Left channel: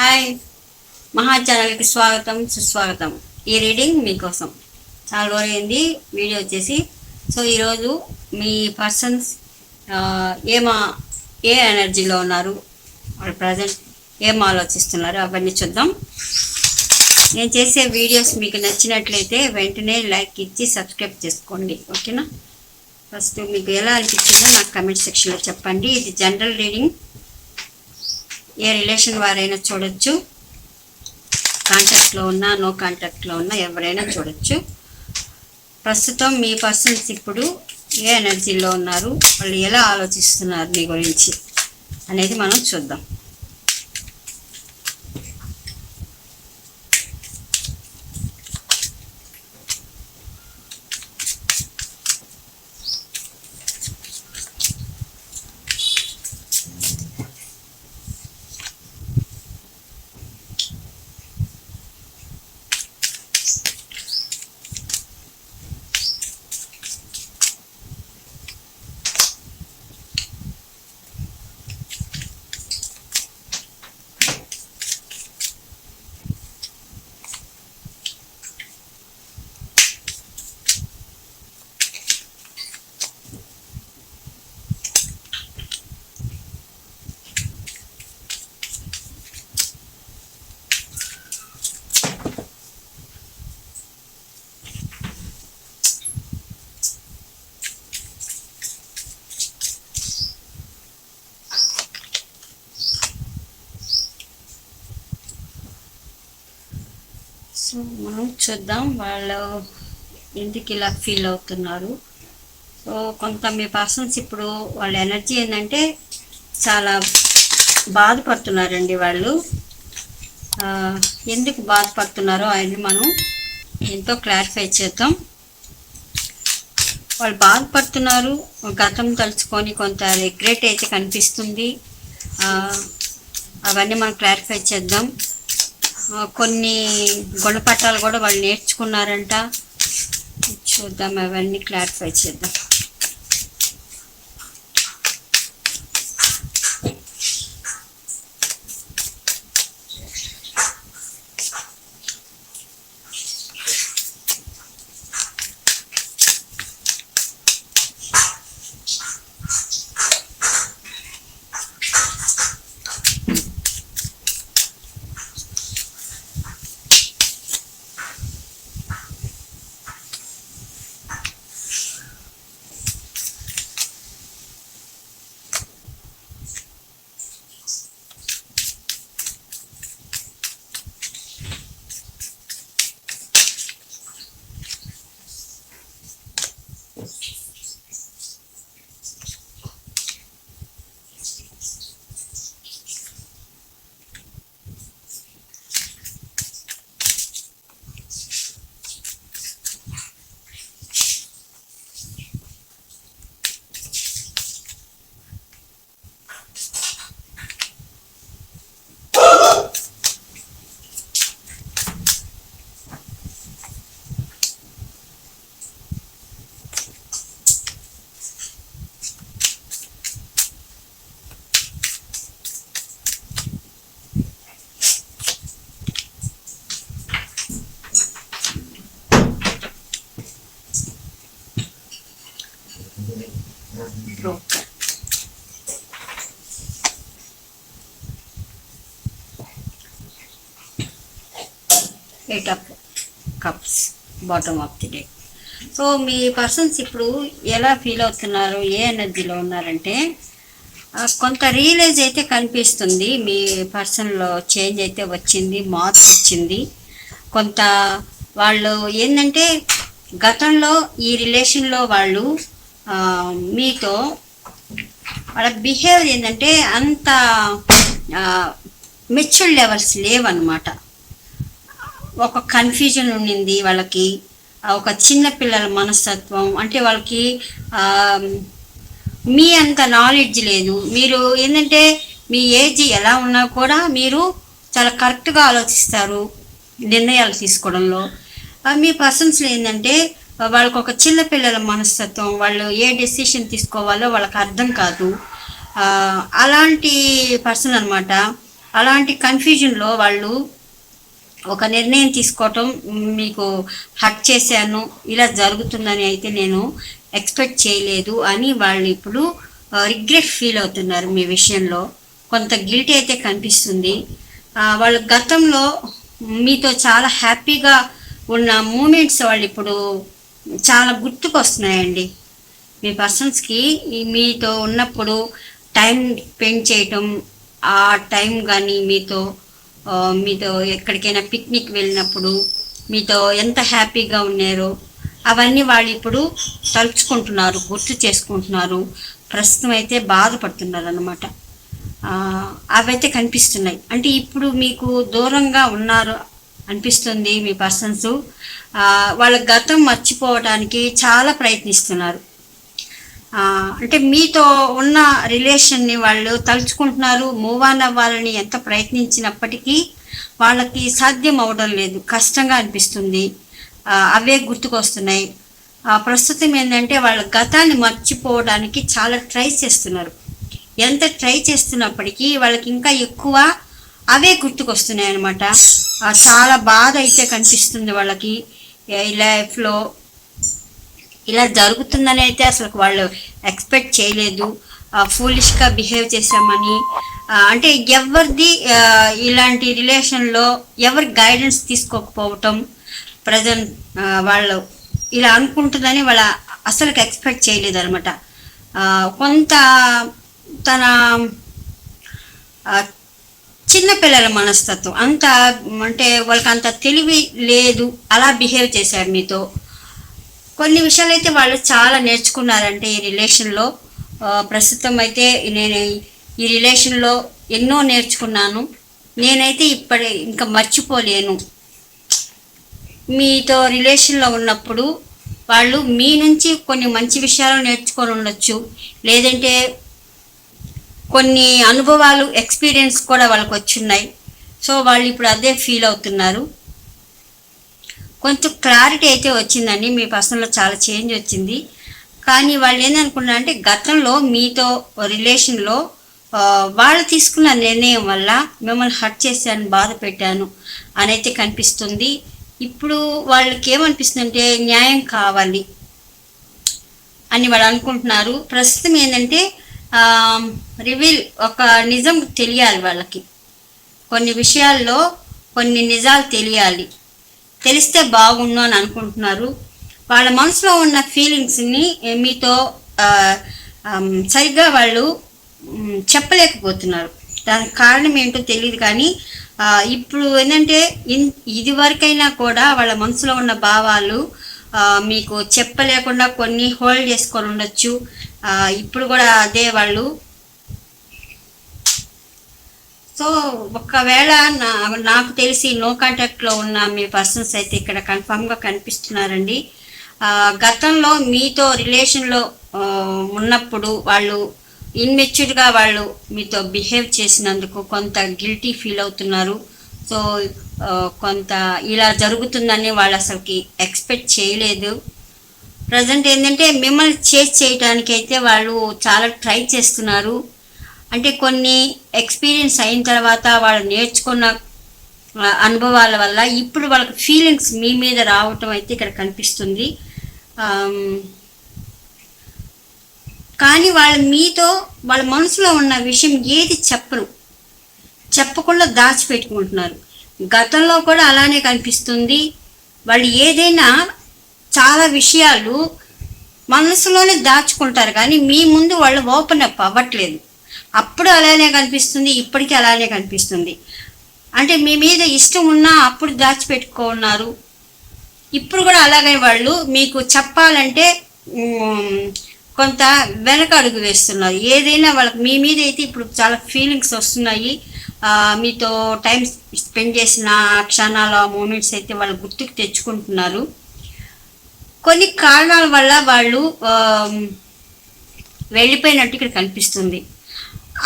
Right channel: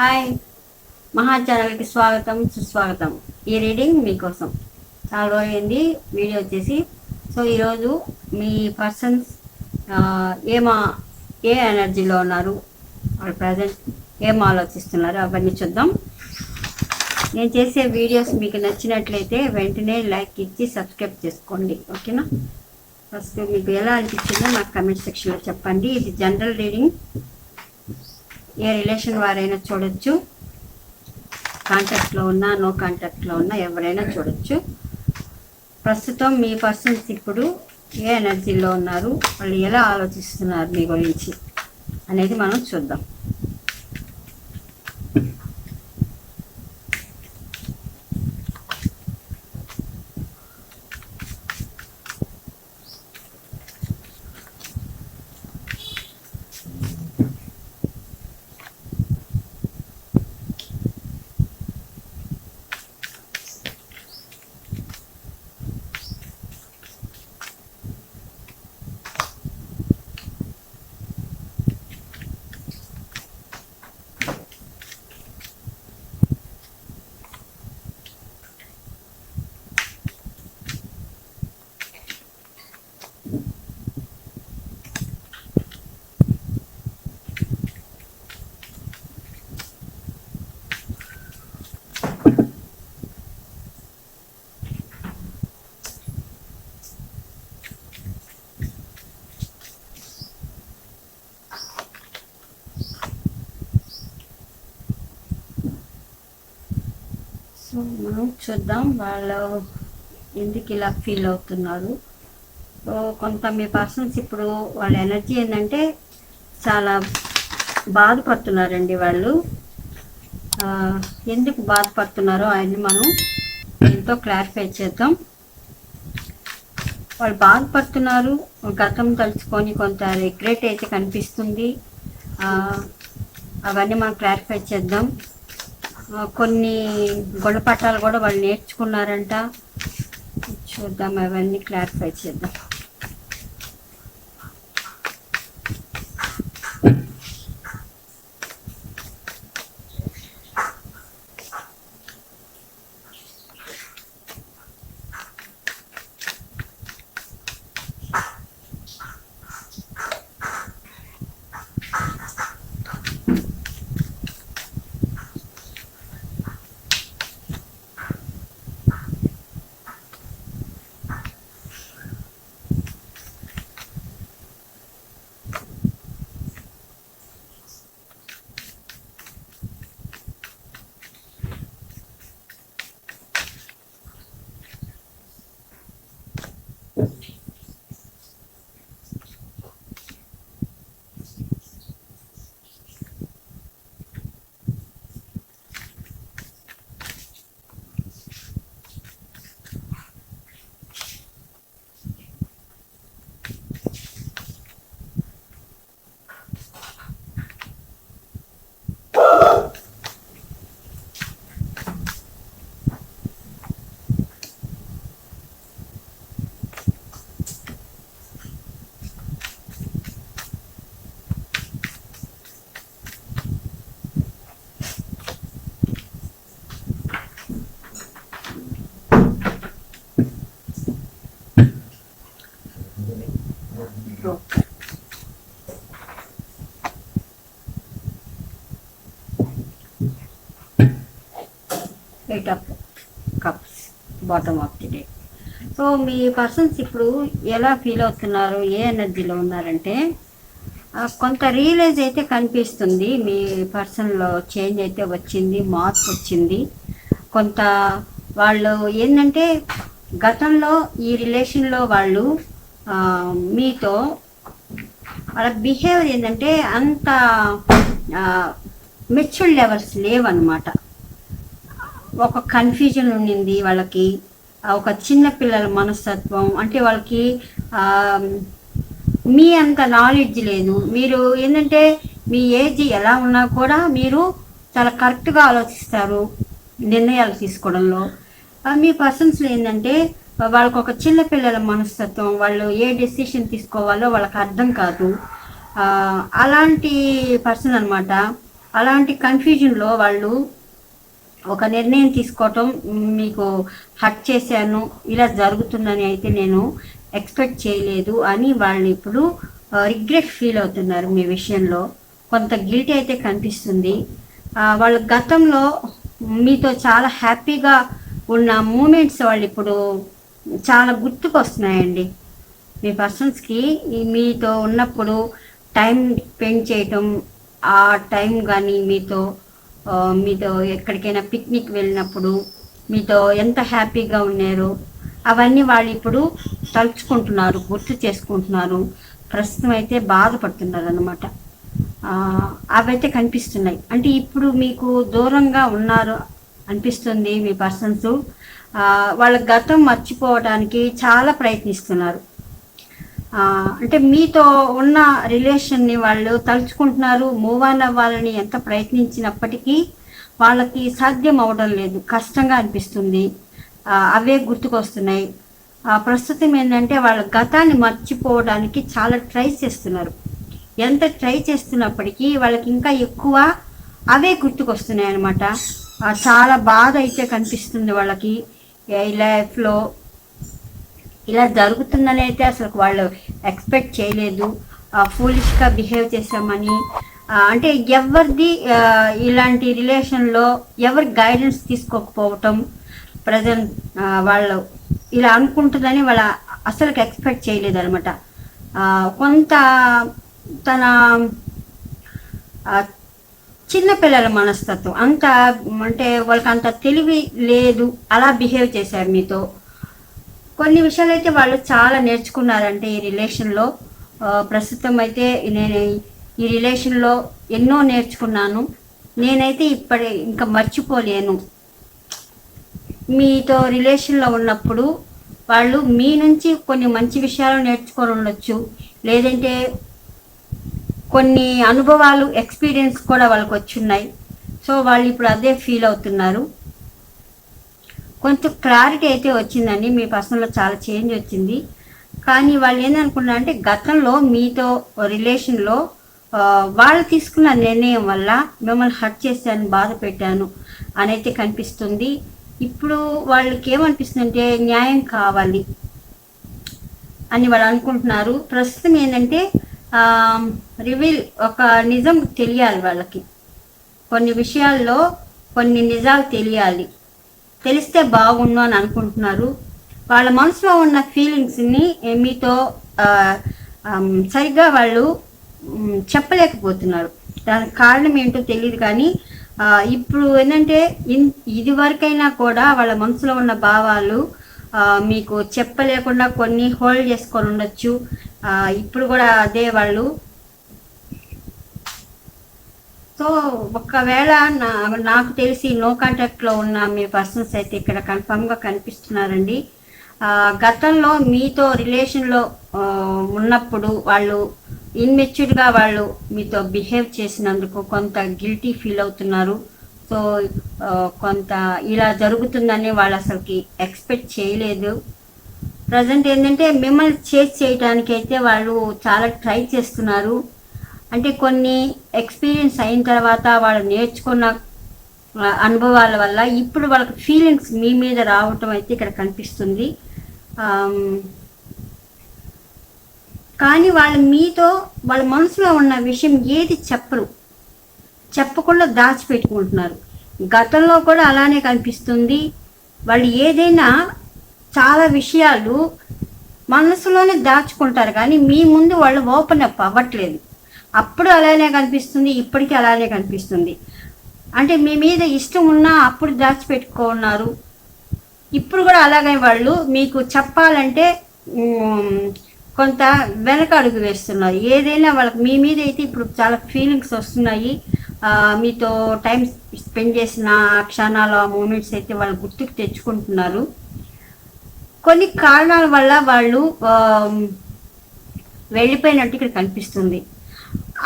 Hi, మహా ఛానల్కి స్వాగతం సుస్వాగతం. ఈ రీడింగ్ మీకోసం చాలా రోజులైంది వీడియో వచ్చేసి. సో ఈరోజు మీ పర్సన్స్ ఏమా ఏ ఎనర్జీలో ఉన్నారు, వాళ్ళు ప్రజెంట్ ఏం ఆలోచిస్తున్నారు అవన్నీ చూద్దాం. నేను చేసే వీడియోస్ మీకు నచ్చినట్లయితే వెంటనే లైక్ ఇచ్చి సబ్స్క్రైబ్ చేసుకోండి, ఓకేనా? ఫస్ట్ మీకు ఎలా అనిపించిందో నాకు కమెంట్ సెక్షన్లో చెప్పండి. ఇది జనరల్ రీడింగ్, ఏ రిలేషన్ వారైనా చూడొచ్చు, కాంటాక్ట్లో ఉన్నా నో కాంటాక్ట్లో ఉన్నా ఎవరైనా చూడొచ్చు. ప్రస్తుతం మీ పర్సన్స్ ఇప్పుడు ఏ ఎనర్జీలో ఉన్నారు, వాళ్ళు ఎలా ఆలోచిస్తున్నారు మీ గురించి అనేది మనం చూద్దాం. సో మనం చూద్దాం వాళ్ళు ఎందుకు ఇలా ఫీల్ అవుతున్నారు. సో కొంత మీ పర్సన్స్ ఇప్పుడు వాళ్ళ ఎనర్జీ ఏంటంటే చాలా బాధపడుతున్నారండి. వాళ్ళు ఎందుకు బాధపడుతున్నారో అవన్నీ మనం ఎంతో క్లారిఫై చేద్దాం. వాళ్ళు బాధపడుతున్నారు, గతం తలుచుకొని కొంత రిగ్రెట్ అయితే కనిపిస్తుంది. అవన్నీ మనం క్లారిఫై చేద్దాం. కొన్ని గుణపాఠాలు కూడా వాళ్ళు నేర్చుకున్నారంట, చూద్దాం, అవన్నీ క్లారిఫై చేద్దాం. Eight of cups, bottom of the deck. So me persons ఇప్పుడు ఎలా ఫీల్ అవుతున్నారు, ఏ ఎనర్జీలో ఉన్నారంటే కొంత రియలైజ్ అయితే కనిపిస్తుంది. మీ పర్సన్లో చేంజ్ అయితే వచ్చింది, మార్పు వచ్చింది. కొంత వాళ్ళు ఏంటంటే గతంలో ఈ రిలేషన్లో వాళ్ళు మీతో వాళ్ళ బిహేవియర్ ఏంటంటే అంత మెచ్యూర్ లెవెల్స్ లేవన్నమాట. ఒక కన్ఫ్యూజన్ ఉండింది వాళ్ళకి, ఒక చిన్న పిల్లల మనస్తత్వం, అంటే వాళ్ళకి మీ అంత నాలెడ్జ్ లేదు. మీరు ఏంటంటే మీ ఏజ్ ఎలా ఉన్నా కూడా మీరు చాలా కరెక్ట్గా ఆలోచిస్తారు నిర్ణయాలు తీసుకోవడంలో. మీ పర్సన్స్లో ఏంటంటే వాళ్ళకు ఒక చిన్న పిల్లల మనస్తత్వం, వాళ్ళు ఏ డెసిషన్ తీసుకోవాలో వాళ్ళకి అర్థం కాదు. అలాంటి పర్సన్ అనమాట. అలాంటి కన్ఫ్యూజన్లో వాళ్ళు ఒక నిర్ణయం తీసుకోవటం, మీకు హర్ట్ చేశాను, ఇలా జరుగుతుందని అయితే నేను ఎక్స్పెక్ట్ చేయలేదు అని వాళ్ళు ఇప్పుడు రిగ్రెట్ ఫీల్ అవుతున్నారు మీ విషయంలో. కొంత గిల్టీ అయితే కనిపిస్తుంది. వాళ్ళ గతంలో మీతో చాలా హ్యాపీగా ఉన్న మూమెంట్స్ వాళ్ళు ఇప్పుడు చాలా గుర్తుకొస్తున్నాయండి. మీ పర్సన్స్కి మీతో ఉన్నప్పుడు టైం స్పెండ్ చేయటం, ఆ టైం కానీ మీతో ఎక్కడికైనా పిక్నిక్ వెళ్ళినప్పుడు మీతో ఎంత హ్యాపీగా ఉన్నారో అవన్నీ వాళ్ళు ఇప్పుడు తలుచుకుంటున్నారు, గుర్తు చేసుకుంటున్నారు. ప్రస్తుతం అయితే బాధపడుతున్నారు అన్నమాట. అవైతే కనిపిస్తున్నాయి. అంటే ఇప్పుడు మీకు దూరంగా ఉన్నారు అనిపిస్తుంది మీ పర్సన్స్. వాళ్ళ గతం మర్చిపోవడానికి చాలా ప్రయత్నిస్తున్నారు. అంటే మీతో ఉన్న రిలేషన్ని వాళ్ళు తలుచుకుంటున్నారు. మూవ్ ఆన్ అవ్వాలని ఎంత ప్రయత్నించినప్పటికీ వాళ్ళకి సాధ్యం అవడం లేదు, కష్టంగా అనిపిస్తుంది. అవే గుర్తుకొస్తున్నాయి. ప్రస్తుతం ఏంటంటే వాళ్ళ గతాన్ని మర్చిపోవడానికి చాలా ట్రై చేస్తున్నారు. ఎంత ట్రై చేస్తున్నప్పటికీ వాళ్ళకి ఇంకా ఎక్కువ అవే గుర్తుకొస్తున్నాయి అన్నమాట. చాలా బాధ అయితే కనిపిస్తుంది వాళ్ళకి. ఈ లైఫ్లో ఇలా జరుగుతుందని అయితే అసలు వాళ్ళు ఎక్స్పెక్ట్ చేయలేదు. ఫూలిష్గా బిహేవ్ చేశామని, అంటే ఎవరిది ఇలాంటి రిలేషన్లో ఎవరి గైడెన్స్ తీసుకోకపోవటం, ప్రజెంట్ వాళ్ళు ఇలా అనుకుంటుందని వాళ్ళ అసలుకి ఎక్స్పెక్ట్ చేయలేదు అనమాట. కొంత తన చిన్నపిల్లల మనస్తత్వం అంత, అంటే వాళ్ళకి అంత తెలివి లేదు, అలా బిహేవ్ చేశారు మీతో. కొన్ని విషయాలు అయితే వాళ్ళు చాలా నేర్చుకున్నారంటే ఈ రిలేషన్లో. ప్రస్తుతం అయితే నేను ఈ రిలేషన్లో ఎన్నో నేర్చుకున్నాను, నేనైతే ఇంకా మర్చిపోలేను. మీతో రిలేషన్లో ఉన్నప్పుడు వాళ్ళు మీ నుంచి కొన్ని మంచి విషయాలు నేర్చుకొని ఉండొచ్చు, లేదంటే కొన్ని అనుభవాలు, ఎక్స్పీరియన్స్ కూడా వాళ్ళకి వచ్చున్నాయి. సో వాళ్ళు ఇప్పుడు అదే ఫీల్ అవుతున్నారు. కొంచెం క్లారిటీ అయితే వచ్చిందండి, మీ పర్సన్లో చాలా చేంజ్ వచ్చింది. కానీ వాళ్ళు ఏందనుకున్నారంటే గతంలో మీతో రిలేషన్లో వాళ్ళు తీసుకున్న నిర్ణయం వల్ల మిమ్మల్ని హర్ట్ చేశాను, బాధ పెట్టాను అని అయితే కనిపిస్తుంది. ఇప్పుడు వాళ్ళకి ఏమనిపిస్తుంది అంటే న్యాయం కావాలి అని వాళ్ళు అనుకుంటున్నారు. ప్రస్తుతం ఏంటంటే రివీల్, ఒక నిజం తెలియాలి వాళ్ళకి. కొన్ని విషయాల్లో కొన్ని నిజాలు తెలియాలి, తెలిస్తే బాగుండు అని అనుకుంటున్నారు. వాళ్ళ మనసులో ఉన్న ఫీలింగ్స్ని మీతో సరిగ్గా వాళ్ళు చెప్పలేకపోతున్నారు. దానికి కారణం ఏంటో తెలియదు. కానీ ఇప్పుడు ఏంటంటే ఇదివరకైనా కూడా వాళ్ళ మనసులో ఉన్న భావాలు మీకు చెప్పలేకుండా కొన్ని హోల్డ్ చేసుకొని ఉండొచ్చు. ఇప్పుడు కూడా అదే వాళ్ళు. సో ఒకవేళ నాకు తెలిసి నో కాంటాక్ట్లో ఉన్న మీ పర్సన్స్ అయితే ఇక్కడ కన్ఫామ్గా కనిపిస్తున్నారండి. గతంలో మీతో రిలేషన్లో ఉన్నప్పుడు వాళ్ళు ఇన్మెచ్యూర్డ్గా వాళ్ళు మీతో బిహేవ్ చేసినందుకు కొంత గిల్టీ ఫీల్ అవుతున్నారు. సో కొంత ఇలా జరుగుతుందని వాళ్ళు అసలుకి ఎక్స్పెక్ట్ చేయలేదు. ప్రజెంట్ ఏంటంటే మిమ్మల్ని చేజ్ చేయడానికి అయితే వాళ్ళు చాలా ట్రై చేస్తున్నారు. అంటే కొన్ని ఎక్స్పీరియన్స్ అయిన తర్వాత వాళ్ళు నేర్చుకున్న అనుభవాల వల్ల ఇప్పుడు వాళ్ళకి ఫీలింగ్స్ మీ మీద రావటం అయితే ఇక్కడ కనిపిస్తుంది. కానీ వాళ్ళు మీతో వాళ్ళ మనసులో ఉన్న విషయం ఏది చెప్పకుండా దాచిపెట్టుకుంటున్నారు. గతంలో కూడా అలానే కనిపిస్తుంది. వాళ్ళు ఏదైనా చాలా విషయాలు మనసులోనే దాచుకుంటారు, కానీ మీ ముందు వాళ్ళు ఓపెన్ అప్ అవ్వట్లేదు. అప్పుడు అలానే కనిపిస్తుంది, ఇప్పటికీ అలానే కనిపిస్తుంది. అంటే మీ మీద ఇష్టం ఉన్నా అప్పుడు దాచిపెట్టుకున్నారు. ఇప్పుడు కూడా అలాగే వాళ్ళు మీకు చెప్పాలంటే కొంత వెనక అడుగు వేస్తున్నారు. ఏదైనా వాళ్ళకి మీ మీద అయితే ఇప్పుడు చాలా ఫీలింగ్స్ వస్తున్నాయి. మీతో టైం స్పెండ్ చేసిన క్షణాలు, మూమెంట్స్ అయితే వాళ్ళు గుర్తుకు తెచ్చుకుంటున్నారు. కొన్ని కారణాల వల్ల వాళ్ళు వెళ్ళిపోయినట్టు ఇక్కడ కనిపిస్తుంది.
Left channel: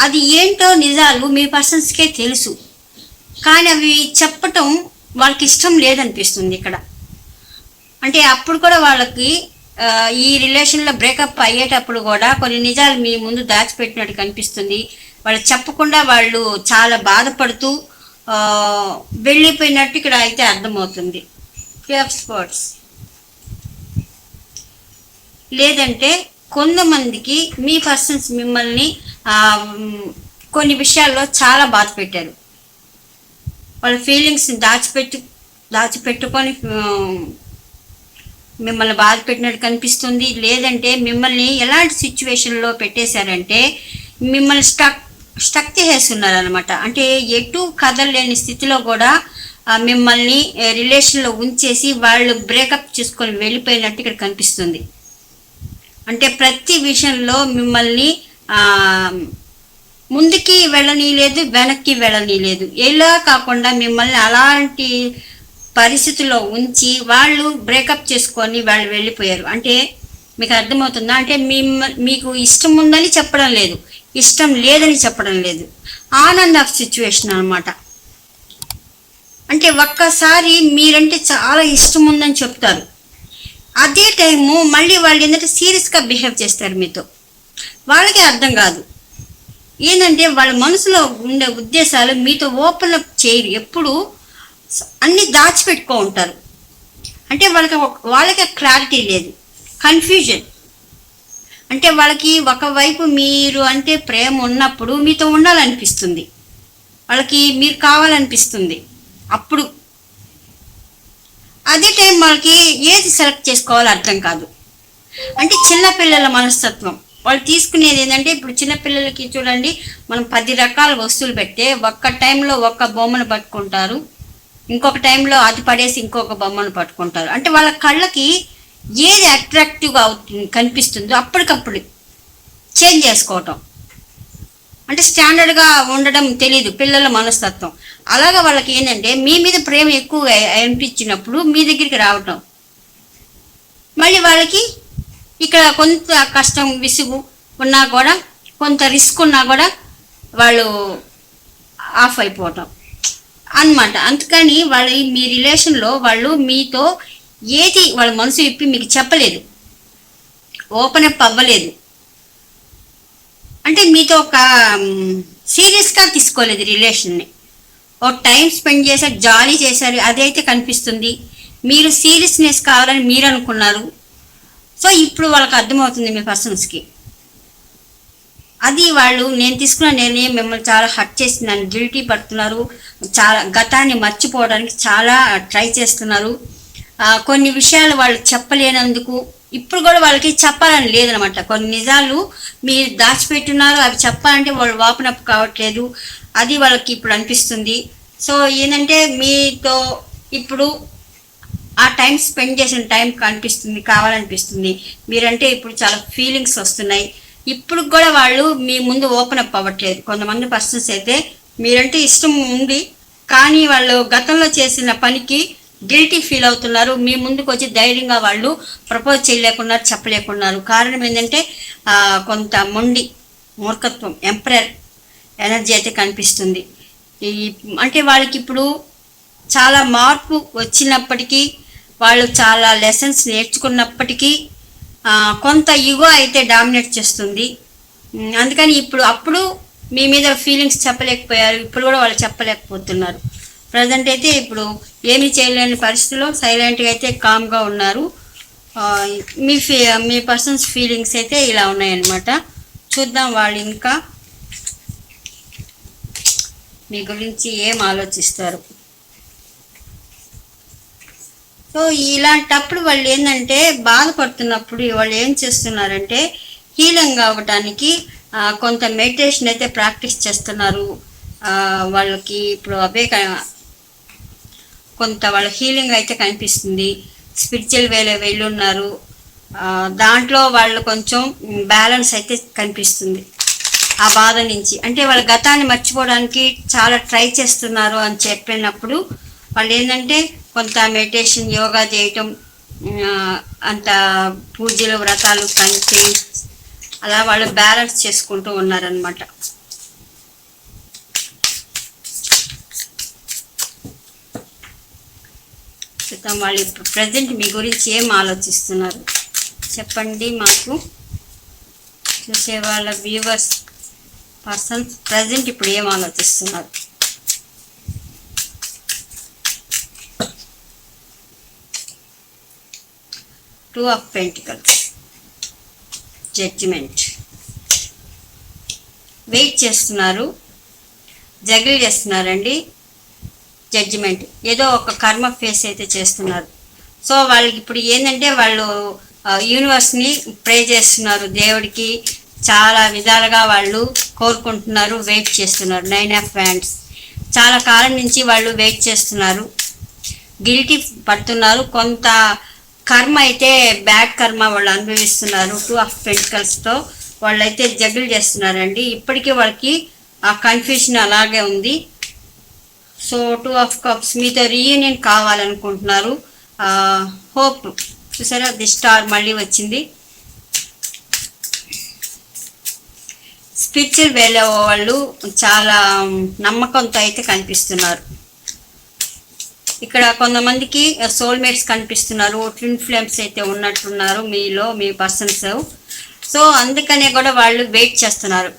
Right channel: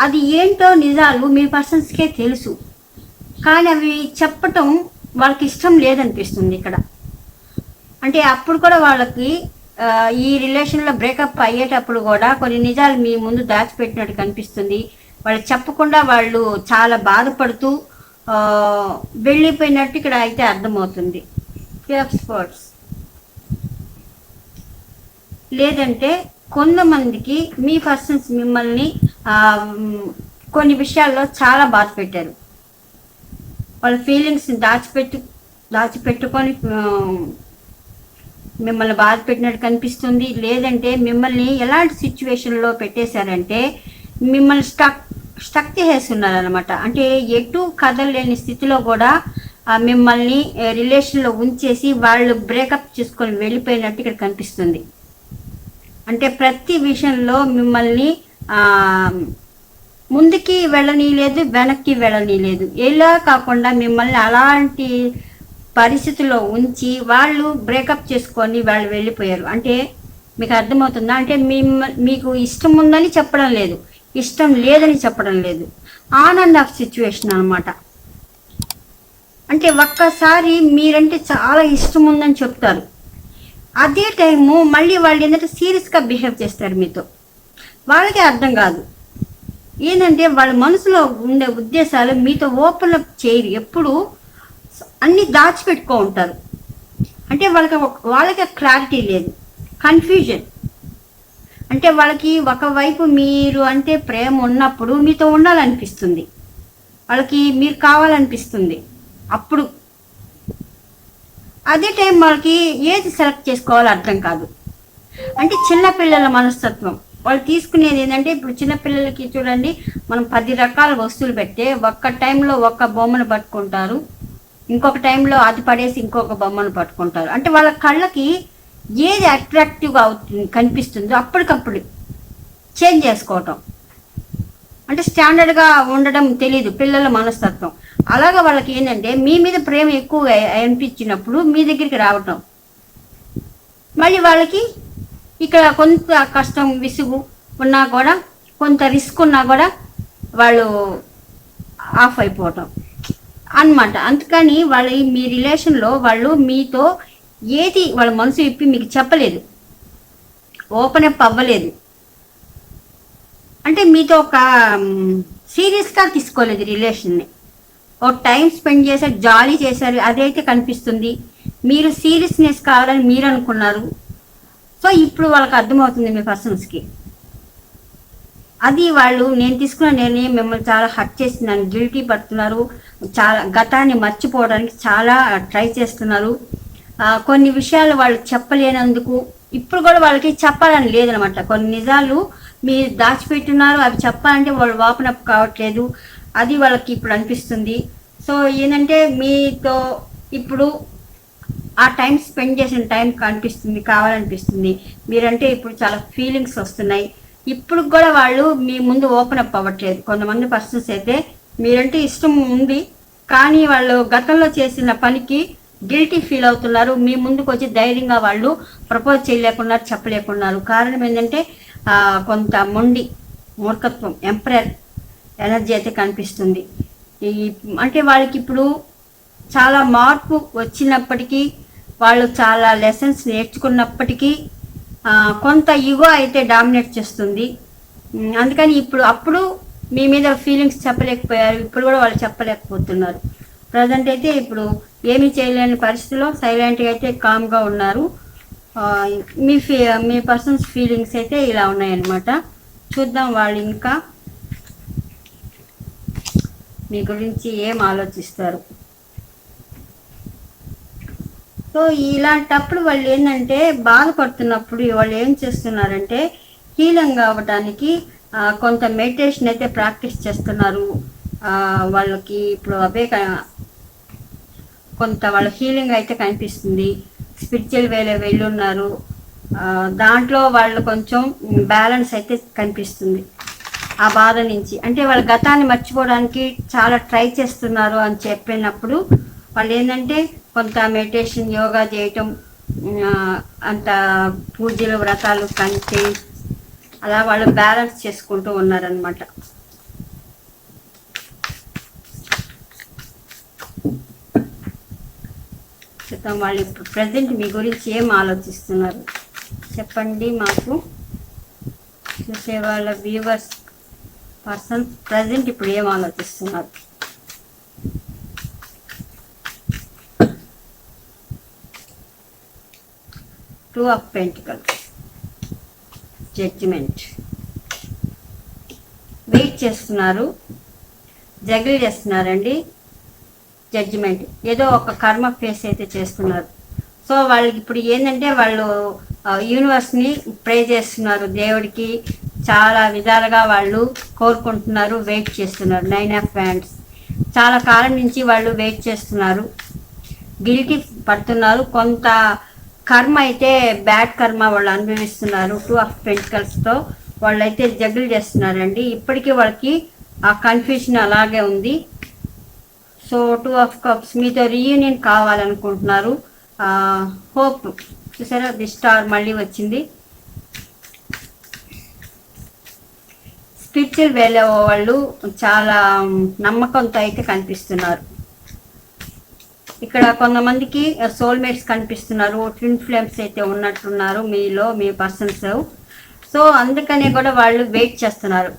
అది ఏంటో నిజాలు మీ పర్సన్స్కే తెలుసు, కానీ అవి చెప్పటం వాళ్ళకి ఇష్టం లేదనిపిస్తుంది ఇక్కడ. అంటే అప్పుడు కూడా వాళ్ళకి ఈ రిలేషన్లో బ్రేకప్ అయ్యేటప్పుడు కూడా కొన్ని నిజాలు మీ ముందు దాచిపెట్టినట్టు కనిపిస్తుంది. వాళ్ళు చెప్పకుండా వాళ్ళు చాలా బాధపడుతూ వెళ్ళిపోయినట్టు ఇక్కడ అయితే అర్థమవుతుంది. 3 of Swords. లేదంటే కొంతమందికి మీ పర్సన్స్ మిమ్మల్ని కొన్ని విషయాల్లో చాలా బాధ పెట్టారు. వాళ్ళ ఫీలింగ్స్ని దాచిపెట్టుకొని మిమ్మల్ని బాధ పెట్టినట్టు కనిపిస్తుంది. లేదంటే మిమ్మల్ని ఎలాంటి సిచ్యువేషన్లో పెట్టేశారంటే మిమ్మల్ని స్టక్ చేసేస్తున్నారు అనమాట. అంటే ఎటు కదలలేని స్థితిలో కూడా మిమ్మల్ని రిలేషన్లో ఉంచేసి వాళ్ళు బ్రేకప్ చేసుకొని వెళ్ళిపోయినట్టు ఇక్కడ కనిపిస్తుంది. అంటే ప్రతి విషయంలో మిమ్మల్ని ముందుకి వెళ్ళనీయలేదు, వెనక్కి వెళ్ళనీయలేదు. ఇలా కాకుండా మిమ్మల్ని అలాంటి పరిస్థితుల్లో ఉంచి వాళ్ళు బ్రేకప్ చేసుకొని వాళ్ళు వెళ్ళిపోయారు. అంటే మీకు అర్థమవుతుందా? అంటే మీకు ఇష్టం ఉందని చెప్పడం లేదు, ఇష్టం లేదని చెప్పడం లేదు. ఆనంద ఆఫ్ సిచ్యువేషన్ అనమాట. అంటే ఒక్కసారి మీరంటే చాలా ఇష్టం ఉందని చెప్తారు, అదే టైము మళ్ళీ వాళ్ళు ఏంటంటే సీరియస్గా బిహేవ్ చేస్తారు మీతో. వాళ్ళకి అర్థం కాదు ఏంటంటే వాళ్ళ మనసులో ఉండే ఉద్దేశాలు మీతో ఓపెన్ అప్ చేయరు, ఎప్పుడు అన్నీ దాచిపెట్టుకో ఉంటారు. అంటే వాళ్ళకి క్లారిటీ లేదు, కన్ఫ్యూజన్. అంటే వాళ్ళకి ఒకవైపు మీరు అంటే ప్రేమ ఉన్నప్పుడు మీతో ఉండాలనిపిస్తుంది, వాళ్ళకి మీరు కావాలనిపిస్తుంది. అప్పుడు అదే టైం వాళ్ళకి ఏది సెలెక్ట్ చేసుకోవాలో అర్థం కాదు. అంటే చిన్నపిల్లల మనస్తత్వం వాళ్ళు తీసుకునేది ఏంటంటే, ఇప్పుడు చిన్నపిల్లలకి చూడండి, మనం 10 రకాల వస్తువులు పెడితే ఒక్క టైంలో ఒక్క బొమ్మను పట్టుకుంటారు, ఇంకొక టైంలో అది పడేసి ఇంకొక బొమ్మను పట్టుకుంటారు. అంటే వాళ్ళ కళ్ళకి ఏది అట్రాక్టివ్గా కనిపిస్తుందో అప్పటికప్పుడు చేంజ్ చేసుకోవటం. అంటే స్టాండర్డ్గా ఉండడం తెలీదు పిల్లల మనస్తత్వం. అలాగా వాళ్ళకి ఏంటంటే మీ మీద ప్రేమ ఎక్కువ అనిపించినప్పుడు మీ దగ్గరికి రావటం, మళ్ళీ వాళ్ళకి ఇక్కడ కొంత కష్టం విసుగు ఉన్నా కూడా, కొంత రిస్క్ ఉన్నా కూడా వాళ్ళు ఆఫ్ అయిపోవటం అన్నమాట. అందుకని వాళ్ళు మీ రిలేషన్లో వాళ్ళు మీతో ఏది వాళ్ళ మనసు ఇప్పి మీకు చెప్పలేదు, ఓపెన్ అప్ అవ్వలేదు. అంటే మీతో ఒక సీరియస్గా తీసుకోలేదు రిలేషన్ని. ఒక టైం స్పెండ్ చేశారు, జాలీ చేశారు, అదైతే కనిపిస్తుంది. మీరు సీరియస్నెస్ కావాలని మీరు అనుకున్నారు. సో ఇప్పుడు వాళ్ళకి అర్థమవుతుంది మీ పర్సన్స్కి. అది వాళ్ళు నేను తీసుకున్న నిర్ణయం మిమ్మల్ని చాలా హర్ట్ చేసిందని గిల్టీ పడుతున్నారు. చాలా గతాన్ని మర్చిపోవడానికి చాలా ట్రై చేస్తున్నారు. కొన్ని విషయాలు వాళ్ళు చెప్పలేనందుకు ఇప్పుడు కూడా వాళ్ళకి చెప్పాలని లేదనమాట. కొన్ని నిజాలు మీరు దాచిపెట్టున్నారు, అవి చెప్పాలంటే వాళ్ళు ఓపెన్ అప్ కావట్లేదు. అది వాళ్ళకి ఇప్పుడు అనిపిస్తుంది. సో ఏంటంటే మీతో ఇప్పుడు ఆ టైం స్పెండ్ చేసిన టైం కనిపిస్తుంది, కావాలనిపిస్తుంది. మీరంటే ఇప్పుడు చాలా ఫీలింగ్స్ వస్తున్నాయి. ఇప్పుడు కూడా వాళ్ళు మీ ముందు ఓపెన్ అప్ అవ్వట్లేదు. కొంతమంది పర్సన్స్ అయితే మీరంటే ఇష్టం ఉంది, కానీ వాళ్ళు గతంలో చేసిన పనికి గిల్టీ ఫీల్ అవుతున్నారు. మీ ముందుకు వచ్చి ధైర్యంగా వాళ్ళు ప్రపోజ్ చేయలేకున్నారు, చెప్పలేకున్నారు. కారణం ఏంటంటే కొంత మూర్ఖత్వం, ఎంపరర్ ఎనర్జీ అయితే కనిపిస్తుంది. అంటే వాళ్ళకి ఇప్పుడు చాలా మార్పు వచ్చినప్పటికీ, వాళ్ళు చాలా లెసన్స్ నేర్చుకున్నప్పటికీ కొంత ఈగో అయితే డామినేట్ చేస్తుంది. అందుకని అప్పుడు మీ మీద ఫీలింగ్స్ చెప్పలేకపోయారు, ఇప్పుడు కూడా వాళ్ళు చెప్పలేకపోతున్నారు. ప్రజెంట్ అయితే ఇప్పుడు ఏమీ చేయలేని పరిస్థితిలో సైలెంట్గా అయితే కామ్గా ఉన్నారు. మీ పర్సన్స్ ఫీలింగ్స్ అయితే ఇలా ఉన్నాయన్నమాట. చూద్దాం వాళ్ళు ఇంకా మీ గురించి ఏం ఆలోచిస్తారు. సో ఇలాంటప్పుడు వాళ్ళు ఏంటంటే బాధపడుతున్నప్పుడు వాళ్ళు ఏం చేస్తున్నారంటే హీలింగ్ అవ్వడానికి కొంత మెడిటేషన్ అయితే ప్రాక్టీస్ చేస్తున్నారు. వాళ్ళకి ఇప్పుడు అవే కొంత వాళ్ళ హీలింగ్ అయితే కనిపిస్తుంది. స్పిరిచువల్ వేలో వెళ్ళున్నారు. దాంట్లో వాళ్ళు కొంచెం బ్యాలెన్స్ అయితే కనిపిస్తుంది ఆ బాధ నుంచి. అంటే వాళ్ళ గతాన్ని మర్చిపోవడానికి చాలా ట్రై చేస్తున్నారు అని చెప్పినప్పుడు వాళ్ళు ఏంటంటే కొంత మెడిటేషన్, యోగా చేయటం, అంత పూజలు, వ్రతాలు కంటే అలా వాళ్ళు బ్యాలెన్స్ చేసుకుంటూ ఉన్నారనమాట. చూద్దాం వాళ్ళు ఇప్పుడు ప్రజెంట్ మీ గురించి ఏం ఆలోచిస్తున్నారు చెప్పండి మాకు, చూసే వాళ్ళ వ్యూవర్స్. పర్సన్ ప్రజెంట్ ఇప్పుడు ఏం ఆలోచిస్తున్నారు? Two of pentacles, judgement. Wait చేస్తున్నారు, జగిల్ చేస్తున్నారండి. జడ్జిమెంట్, ఏదో ఒక కర్మ ఫేస్ అయితే చేస్తున్నారు. సో వాళ్ళకి ఇప్పుడు ఏంటంటే వాళ్ళు యూనివర్స్ని ప్రే చేస్తున్నారు, దేవుడికి చాలా విధాలుగా వాళ్ళు కోరుకుంటున్నారు, వెయిట్ చేస్తున్నారు. 9 ఆఫ్ హ్యాండ్స్, చాలా కాలం నుంచి వాళ్ళు వెయిట్ చేస్తున్నారు, గిల్టీ పడుతున్నారు. కొంత కర్మ అయితే బ్యాడ్ కర్మ వాళ్ళు అనుభవిస్తున్నారు. 2 ఆఫ్ పెంటికల్స్తో వాళ్ళైతే జగిల్ చేస్తున్నారండి. ఇప్పటికీ వాళ్ళకి ఆ కన్ఫ్యూషన్ అలాగే ఉంది. సో 2 ఆఫ్ కప్స్, మీతో రీయూనియన్ కావాలనుకుంటున్నారు. హోప్, చూసారా ది స్టార్ మళ్ళీ వచ్చింది. స్పిరిచువల్ వేలో వాళ్ళు చాలా నమ్మకంతో అయితే కనిపిస్తున్నారు. ఇక్కడ కొంతమందికి సోల్మేట్స్ కనిపిస్తున్నారు, ట్విన్ ఫ్లేమ్స్ అయితే ఉన్నట్టున్నారు మీలో, మీ పర్సన్స్. సో అందుకనే కూడా వాళ్ళు వెయిట్ చేస్తున్నారు.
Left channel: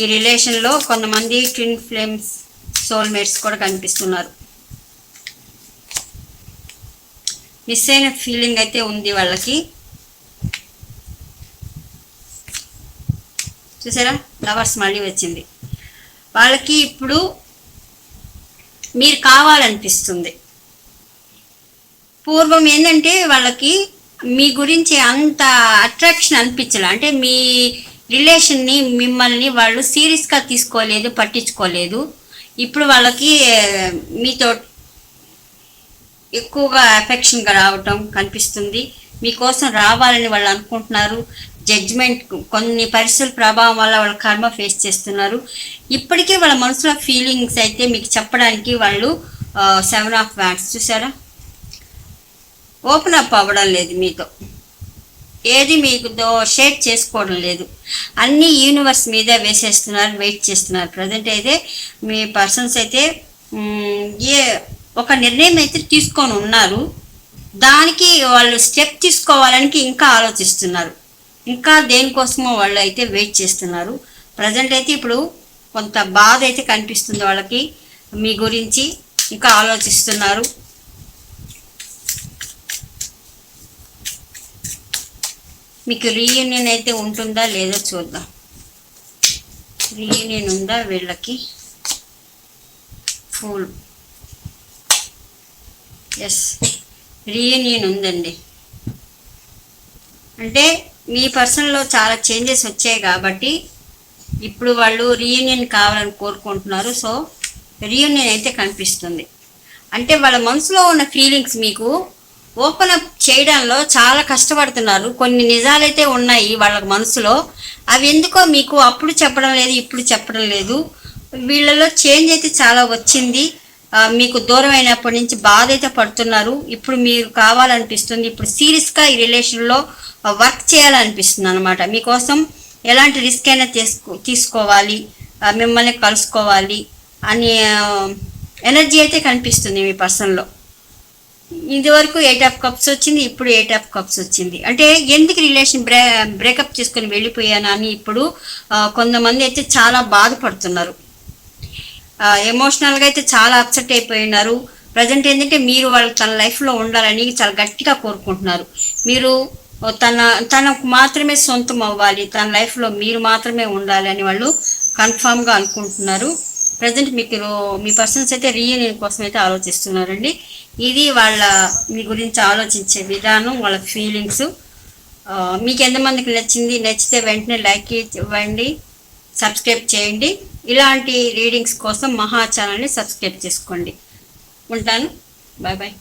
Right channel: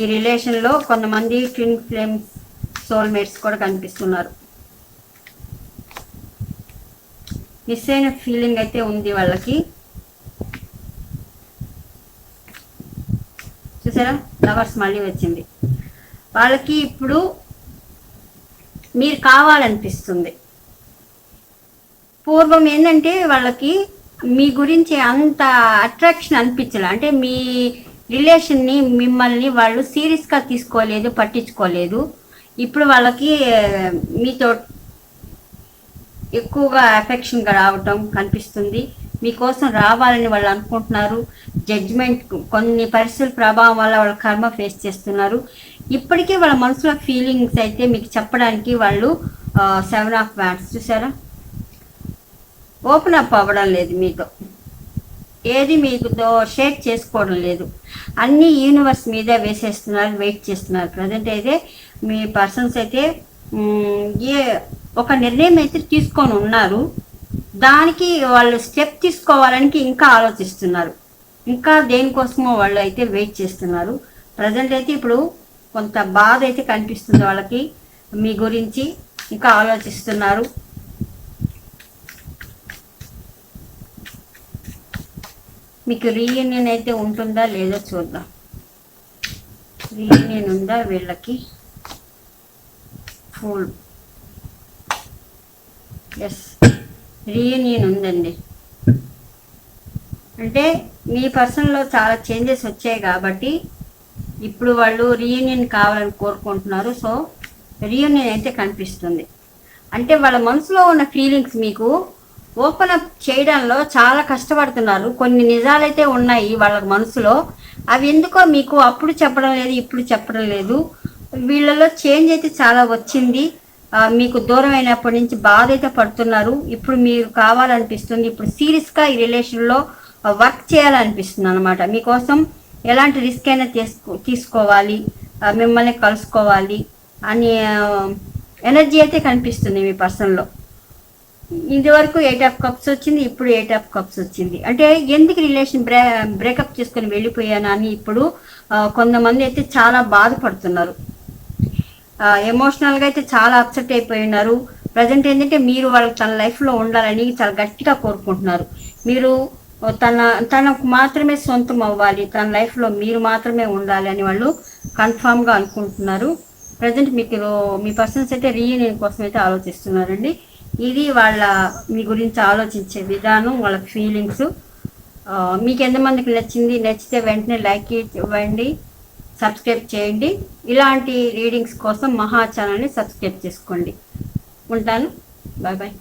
ఈ రిలేషన్లో కొంతమంది ట్విన్ ఫ్లేమ్స్, సోల్మేట్స్ కూడా కనిపిస్తున్నారు. మిస్ అయిన ఫీలింగ్ అయితే ఉంది వాళ్ళకి. చూసారా లవర్స్ మళ్ళీ వచ్చింది. వాళ్ళకి ఇప్పుడు మీరు కావాలనిపిస్తుంది. పూర్వం ఏంటంటే వాళ్ళకి మీ గురించి అంత అట్రాక్షన్ అనిపించాలి, అంటే మీ రిలేషన్ని, మిమ్మల్ని వాళ్ళు సీరియస్గా తీసుకోలేదు, పట్టించుకోలేదు. ఇప్పుడు వాళ్ళకి మీతో ఎక్కువగా అఫెక్షన్గా రావటం కనిపిస్తుంది, మీకోసం రావాలని వాళ్ళు అనుకుంటున్నారు. జడ్జ్మెంట్, కొన్ని పరిస్థితుల ప్రభావం వల్ల వాళ్ళ కర్మ ఫేస్ చేస్తున్నారు. ఇప్పటికీ వాళ్ళ మనసులో ఫీలింగ్స్ అయితే మీకు చెప్పడానికి వాళ్ళు 7 ఆఫ్ వ్యాండ్స్, చూసారా ఓపెన్ అప్ అవ్వడం లేదు మీతో, ఏది మీతో షేర్ చేసుకోవడం లేదు, అన్నీ యూనివర్స్ మీద వేసేస్తున్నారు, వెయిట్ చేస్తున్నారు. ప్రజెంట్ అయితే మీ పర్సన్స్ అయితే ఒక నిర్ణయం అయితే తీసుకొని ఉన్నారు, దానికి వాళ్ళు స్టెప్ తీసుకోవాలని ఇంకా ఆలోచిస్తున్నారు. ఇంకా దేనికోసమో వాళ్ళు అయితే వెయిట్ చేస్తున్నారు. ప్రజెంట్ అయితే ఇప్పుడు కొంత బాధ అయితే కనిపిస్తుంది వాళ్ళకి, మీ గురించి ఇంకా ఆలోచిస్తున్నారు. మీకు రీయూనియన్ అయితే ఉంటుందా లేదో చూద్దాం. రీయూనియన్ ఉందా వీళ్ళకి? ఫుల్, ఎస్ రీయూనియన్ ఉందండి. అంటే మీ పర్సన్లో చాలా చేంజెస్ వచ్చాయి కాబట్టి ఇప్పుడు వాళ్ళు రీయూనియన్ కావాలని కోరుకుంటున్నారు. సో రీయూనియన్ అయితే కనిపిస్తుంది. అంటే వాళ్ళ మనసులో ఉన్న ఫీలింగ్స్ మీకు ఓపెన్ అప్ చేయడంలో చాలా కష్టపడుతున్నారు. కొన్ని నిజాలైతే ఉన్నాయి వాళ్ళ మనసులో, అవి ఎందుకో మీకు అప్పుడు చెప్పడం లేదు, ఇప్పుడు చెప్పడం లేదు. వీళ్ళలో చేంజ్ అయితే చాలా వచ్చింది. మీకు దూరం అయినప్పటి నుంచి బాధ అయితే పడుతున్నారు. ఇప్పుడు మీరు కావాలనిపిస్తుంది, ఇప్పుడు సీరియస్గా ఈ రిలేషన్లో వర్క్ చేయాలనిపిస్తుంది అనమాట. మీకోసం ఎలాంటి రిస్క్ అయినా తీసుకోవాలి, మిమ్మల్ని కలుసుకోవాలి అనే ఎనర్జీ అయితే కనిపిస్తుంది మీ పర్సన్లో. ఇదివరకు 8 ఆఫ్ కప్స్ వచ్చింది, ఇప్పుడు 8 ఆఫ్ కప్స్ వచ్చింది. అంటే ఎందుకు రిలేషన్ బ్రేకప్ చేసుకొని వెళ్ళిపోయాను అని ఇప్పుడు కొంతమంది అయితే చాలా బాధపడుతున్నారు. ఎమోషనల్గా అయితే చాలా అప్సెట్ అయిపోయి ఉన్నారు. ప్రజెంట్ ఏంటంటే మీరు వాళ్ళు తన లైఫ్లో ఉండాలని చాలా గట్టిగా కోరుకుంటున్నారు. మీరు తనకు మాత్రమే సొంతం అవ్వాలి, తన లైఫ్లో మీరు మాత్రమే ఉండాలి అని వాళ్ళు కన్ఫామ్గా అనుకుంటున్నారు. ప్రజెంట్ మీ పర్సన్స్ అయితే రీయూనియన్ కోసం అయితే ఆలోచిస్తున్నారండి. ఇది మీ గురించి ఆలోచించే విధానం, వాళ్ళ ఫీలింగ్స్. మీకు ఎంతమందికి నచ్చితే వెంటనే లైక్ ఇవ్వండి, సబ్స్క్రైబ్ చేయండి. ఇలాంటి రీడింగ్స్ కోసం మహా ఛానల్ని సబ్స్క్రైబ్ చేసుకోండి. ఉంటాను, బాయ్ బాయ్.